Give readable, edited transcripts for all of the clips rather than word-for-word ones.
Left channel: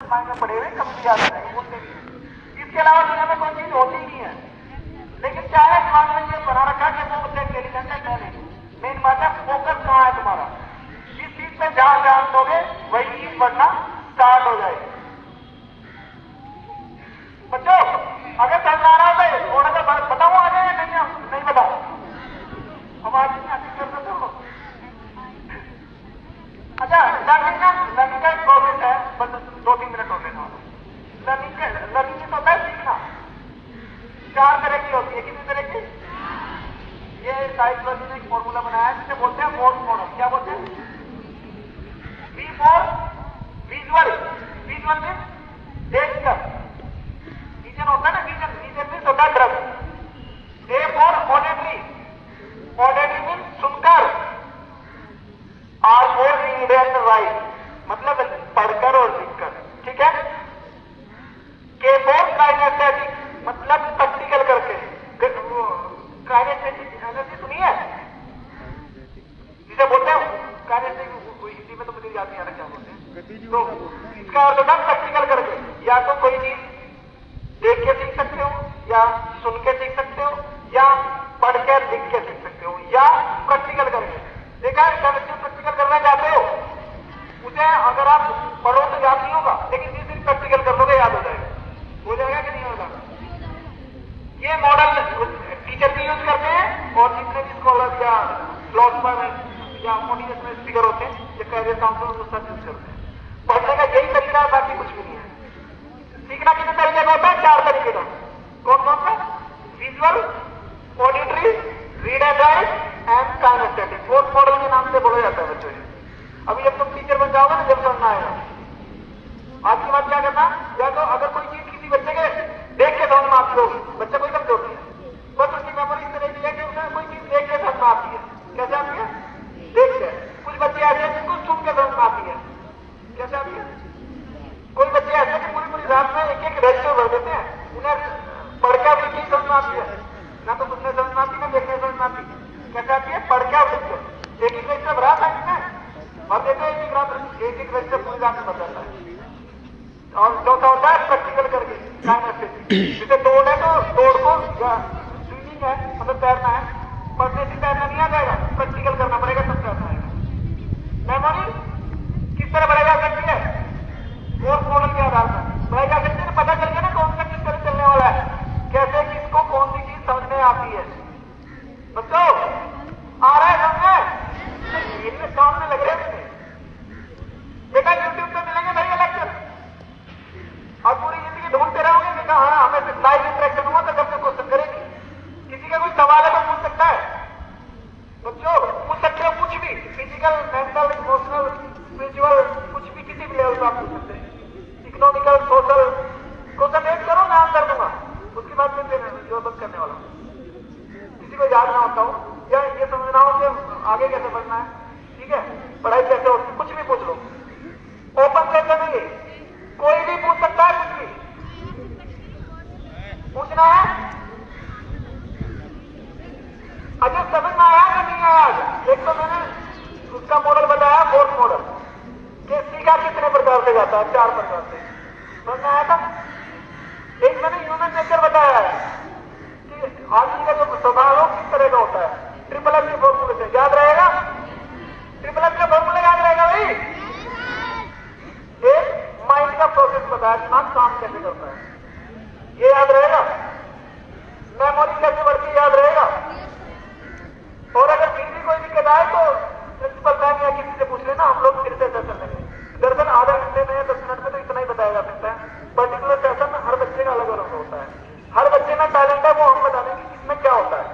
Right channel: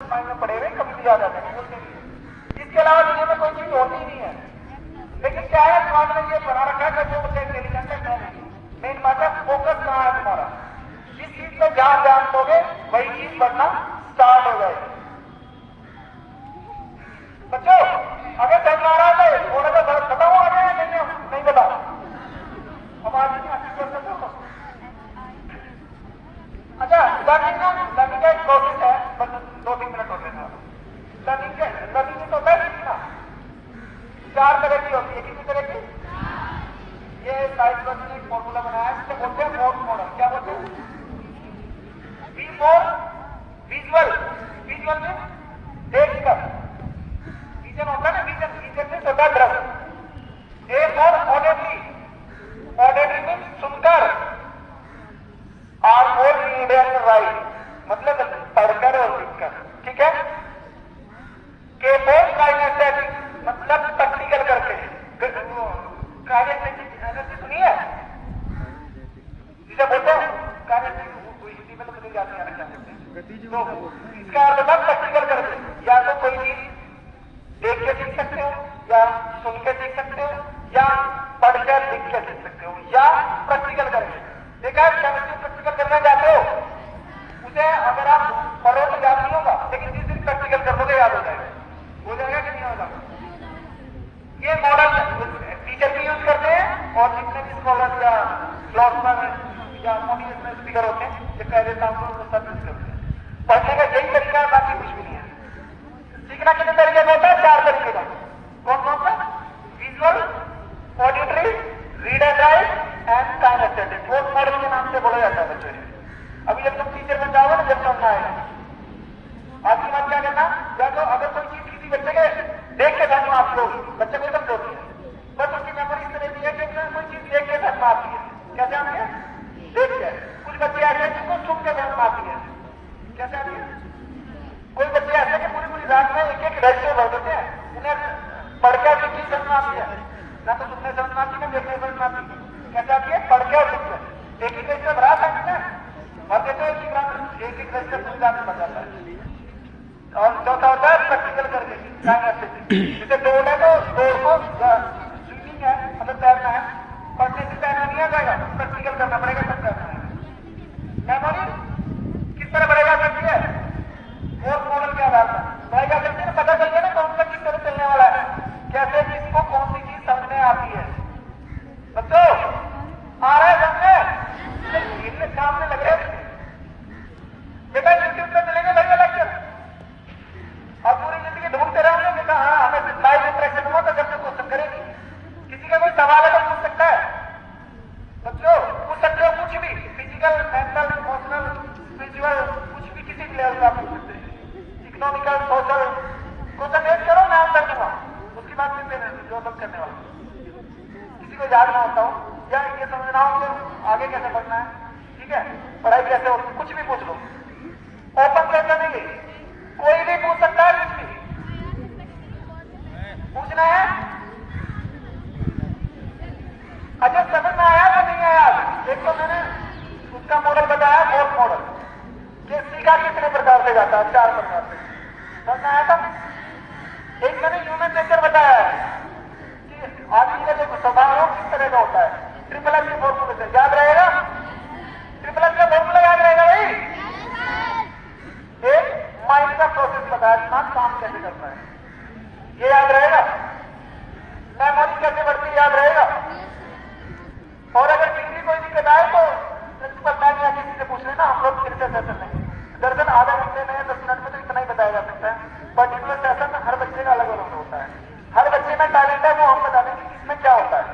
पड़े हुए कभी भी याद आते हैं, बोलते भी। इसके अलावा दुनिया में कोई चीज होती नहीं है, लेकिन क्या है दिमाग में ये बना रखा है कि वो मुझे इंटेलिजेंट है, मैं नहीं। मेन बात है फोकस कहाँ है तुम्हारा, जिस चीज पे ध्यान दोगे वही चीज बढ़ना स्टार्ट हो जाएगी। बच्चों अगर समझ आ रहा है थोड़ा सा बताओ आगे, नहीं बताओ, आवाज नहीं आती कर सकते हो। अच्छा लर्निंग का एक प्रोसेस है, बस 2-3 मिनट हो लेना। लर्निंग तो होता है सीखना, 4 तरह की होती है। कितनी तरह की? ये साइंस ने एक फॉर्मूला बनाया है जिसे बोलते हैं मोड मॉडल। क्या बोलते हैं? वी फॉर विजुअल, विजुअल में देखकर, विजन होता है ना, विजन में होता है दृश्य। ए फॉर ऑडिटरी, ऑडिटरी में सुनकर, R for read and write मतलब पढ़कर और लिखकर, ठीक है। के फॉर काइनेस्थेटिक मतलब प्रैक्टिकल करके, काइनेस्थेटिक एनर्जी सुनी है जिसे बोलते हैं काइनेस्थेटिक, हिंदी में तो मुझे याद नहीं आ रहा क्या बोलते हैं। तो इसका अर्थ होता है प्रैक्टिकल करके, या तो कोई चीज देख के सीख सकते हो, या सुन के सीख सकते हो, या पढ़कर लिख के सीख सकते हो, या प्रैक्टिकल करके। देखा है केमिस्ट्री प्रैक्टिकल करने जाते हो, उसे अगर आप पढ़ो तो याद नहीं होगा, लेकिन जिस दिन प्रैक्टिकल कर दोगे याद हो जाएगा। हो जाएगा कि नहीं होगा? ये मॉडल टीचर भी यूज करते हैं, और जितने भी स्कॉलर या फिलोसफर या मोटिवेशनल स्पीकर होते हैं, ये कैरियर काउंसलर सब यूज करते हैं। पढ़ने का यही तरीका है, बाकी कुछ भी नहीं है। सीखना कितने तरीके का होता है? 4 तरीके का। कौन कौन सा? Visual, auditory, read and write and kinesthetic. 4 model के नाम से बोला जाता है बच्चों। अभी जब तुम टीचर बन जाओगे ना, जब समझना है आपकी बात क्या करना, या तो अगर कोई चीज किसी बच्चे के देख के समझ में आती होगी, बच्चे को समझ होती है, बस उसकी मेमोरी इस तरह की है कि उसने कोई चीज देख के समझ में आती है। कैसे आती है? देख के। कुछ बच्चे ऐसे हैं जिनको सुन के समझ में आती है। कैसे आती है? कोई बच्चे ऐसे कि पूरी रात में एक रजिस्टर भर देते हैं, उन्हें पढ़कर कोई चीज समझ में आती है, ना तो सुनने समझ में आती, ना देखने समझ में आती। कैसे आती है? पढ़कर लिखकर। एक रजिस्टर भरा था भर देते हो, एक रजिस्टर पूरी रात में भर जाता है। और चौथा होता है प्रैक्टिकल करके, जैसे दौड़ है तो दौड़ को, या स्विमिंग है मतलब तैरना है, पढ़ने से तैरना नहीं आ जाएगा, प्रैक्टिकल करना पड़ेगा तब करना है। मेमोरी किस तरह बढ़ेगा सकती है? फोर्थ मॉडल के आधार पर बढ़ेगा सकती है। पता चल गया ना कौन सा किस तरह चलने वाला है, कैसे किसको कौन सी चीज समझ में आती है। बच्चों आ रहा है समझे? इनमें सामने लगे बेटा, यूट्यूब पे मिलेंगे भैया लेक्चर, और पूरी जिंदगी ढूंढते रहोगे कि हाँ हमें लाइव इंटरेक्शन हो तो जब तक क्वेश्चन करेगी। किसी का कोई सवाल है तो पूछ सकता है बच्चों, पूछ सकते हो कुछ भी, फिजिकल, मेंटल, इमोशनल, स्पिरिचुअल, कुछ भी किसी भी लेवल पर आप पूछ सकते हैं। इकोनॉमिकल, सोशल, क्वेश्चन एक करो, मैं आंसर दूंगा, उसके बाद फिर जो बंद करने वाला। किसी को याद ना होता हो या ये समझना हो कि आगे कैसे बढ़ना है, ठीक है, पढ़ाई कैसे होती, कुछ भी पूछ लो। ओपन सेशन है, कोई भी पूछ सकता है, कुछ भी पूछना है। अच्छा समझ में आया कि नहीं आया? एक तो मैंने उसका मॉडल बताया, फोर्थ मॉडल कि सीखा कितने प्रकार से जाता है, 4 प्रकार से। समझ में आया था? एक मैंने ह्यूमन नेचर बताया कि आदमी का जो स्वभाव किस तरह का होता है, ट्रिपल एफ के फॉर्मूले से याद रहेगा। ट्रिपल एफ का फॉर्मूला याद रहेगा भाई। एक माइंड का प्रोसेस बताया, दिमाग काम कैसे करता है, ये याद रहेगा। मेमोरी कैसे बढ़ती याद रहेगा। और अगर किसी कोई दिक्कत आए तो प्रिंसिपल मैम या किसी से पूछ लेना, हम लोग फिर से सेशन लेंगे। दरअसल आधा घंटे में 10 मिनट में तो इतना ही बताया जा सकता है। पर्टिकुलर सेशन हर बच्चे का अलग अलग होता है, हर बच्चे में टैलेंट है, वो हम बता देंगे कि इसमें क्या होता है।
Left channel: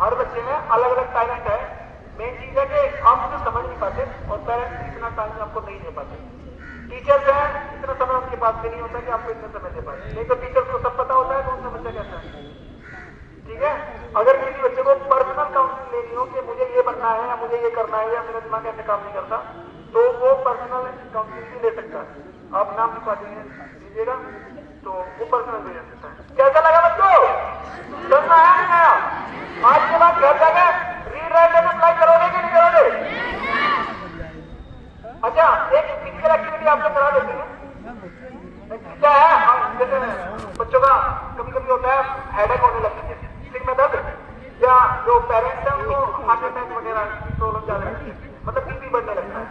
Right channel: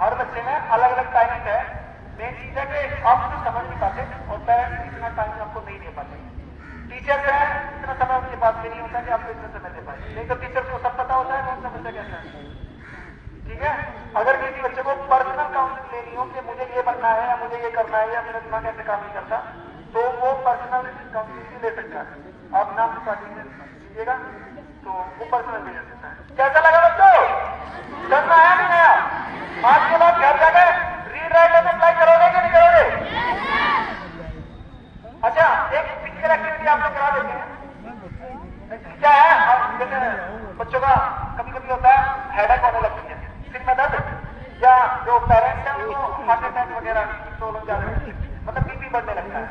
हर बच्चे में अलग अलग टैलेंट है। मेन चीज है कि आप उसे समझ नहीं पाते, और पेरेंट्स इतना टाइम आपको नहीं दे पाते। टीचर्स है, इतना समय उनके पास भी नहीं होता कि आपको इतना समय दे पाए। नहीं तो टीचर्स को सब पता होता है कौन सा बच्चा कैसा है, ठीक है। अगर किसी बच्चे को पर्सनल काउंसलिंग लेनी हो कि मुझे ये बनना है या मुझे ये करना है या मेरा दिमाग ऐसे काम नहीं करता, तो वो पर्सनल काउंसलिंग भी ले सकता है। आप नाम लिखवा दीजिएगा तो वो पर्सनल भी ले सकता है। कैसा लगा बच्चों? समझ आया नहीं आया? आज के बाद घर जाकर रीड राइट अप्लाई करोगे कि नहीं करोगे? अच्छा एक फिजिकल एक्टिविटी भी आप लोग करा देते हैं क्या है? जैसे बच्चों का कभी कभी होता है हेडेक होने लगती है, सिर में दर्द, या जो पेरेंट्स हैं उनको हार्ट अटैक वगैरह की प्रॉब्लम ज्यादा रहती है, मतलब बीपी बढ़ने लगता है।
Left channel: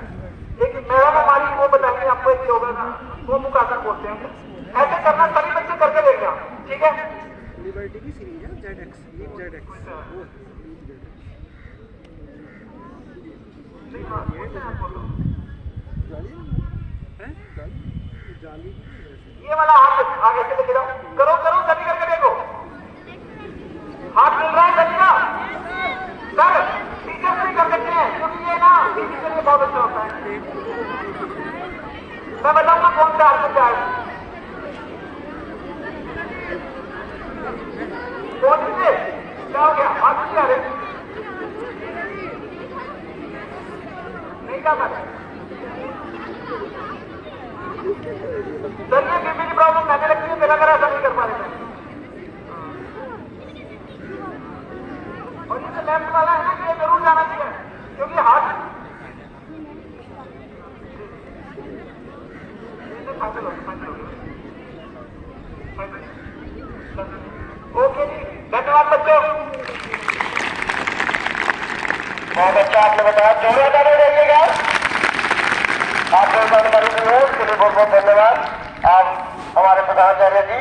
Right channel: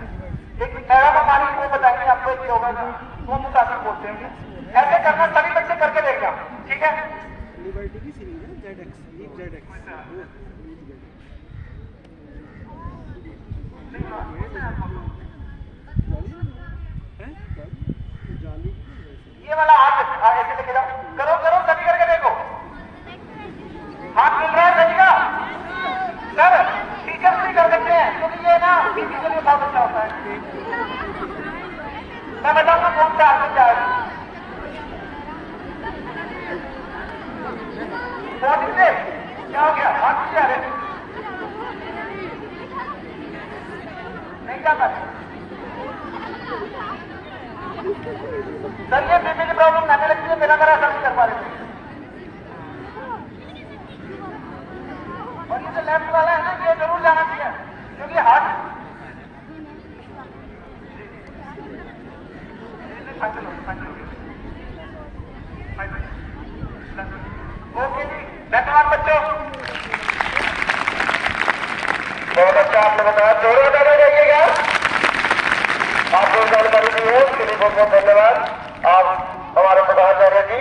एक नया हमारी वो बताएंगे आपको, एक योगा का वो मुकाबला बोलते हैं, ऐसे करना सभी बच्चे करके देखना, ठीक है? लिबर्टी की सीरीज है ZX, लीप ZX। जाली ये वाला हाथ आगे से लेके जाओ, करो करो कभी करके देखो, हाथ मिल रहा है बचेगा सर, टीचर से कर सकते हैं क्योंकि ये ना बीपी के लिए बहुत अच्छा होता है। मैं बताऊंगा कौन सा हाथ होता है, बहुत से क्या हो गया, हाथ नहीं आ रहे, नहीं क्या कर सर, ये बीपी की प्रॉब्लम आने लगती है, मेरा ऐसा नहीं कर पा रहे थे। और ये जो लेफ्ट वाला है ना, ये जरूर जाना चाहिए क्योंकि हार्ट फाइनल हो गया। ओके जी, धन्यवाद बच्चों, बहुत अच्छा आप लोग बताया, जोरों का रहिएगा। आप लोग जानकारी दी है उसके लिए बहुत बहुत धन्यवाद। आप हमारे प्रधानाचार्य जी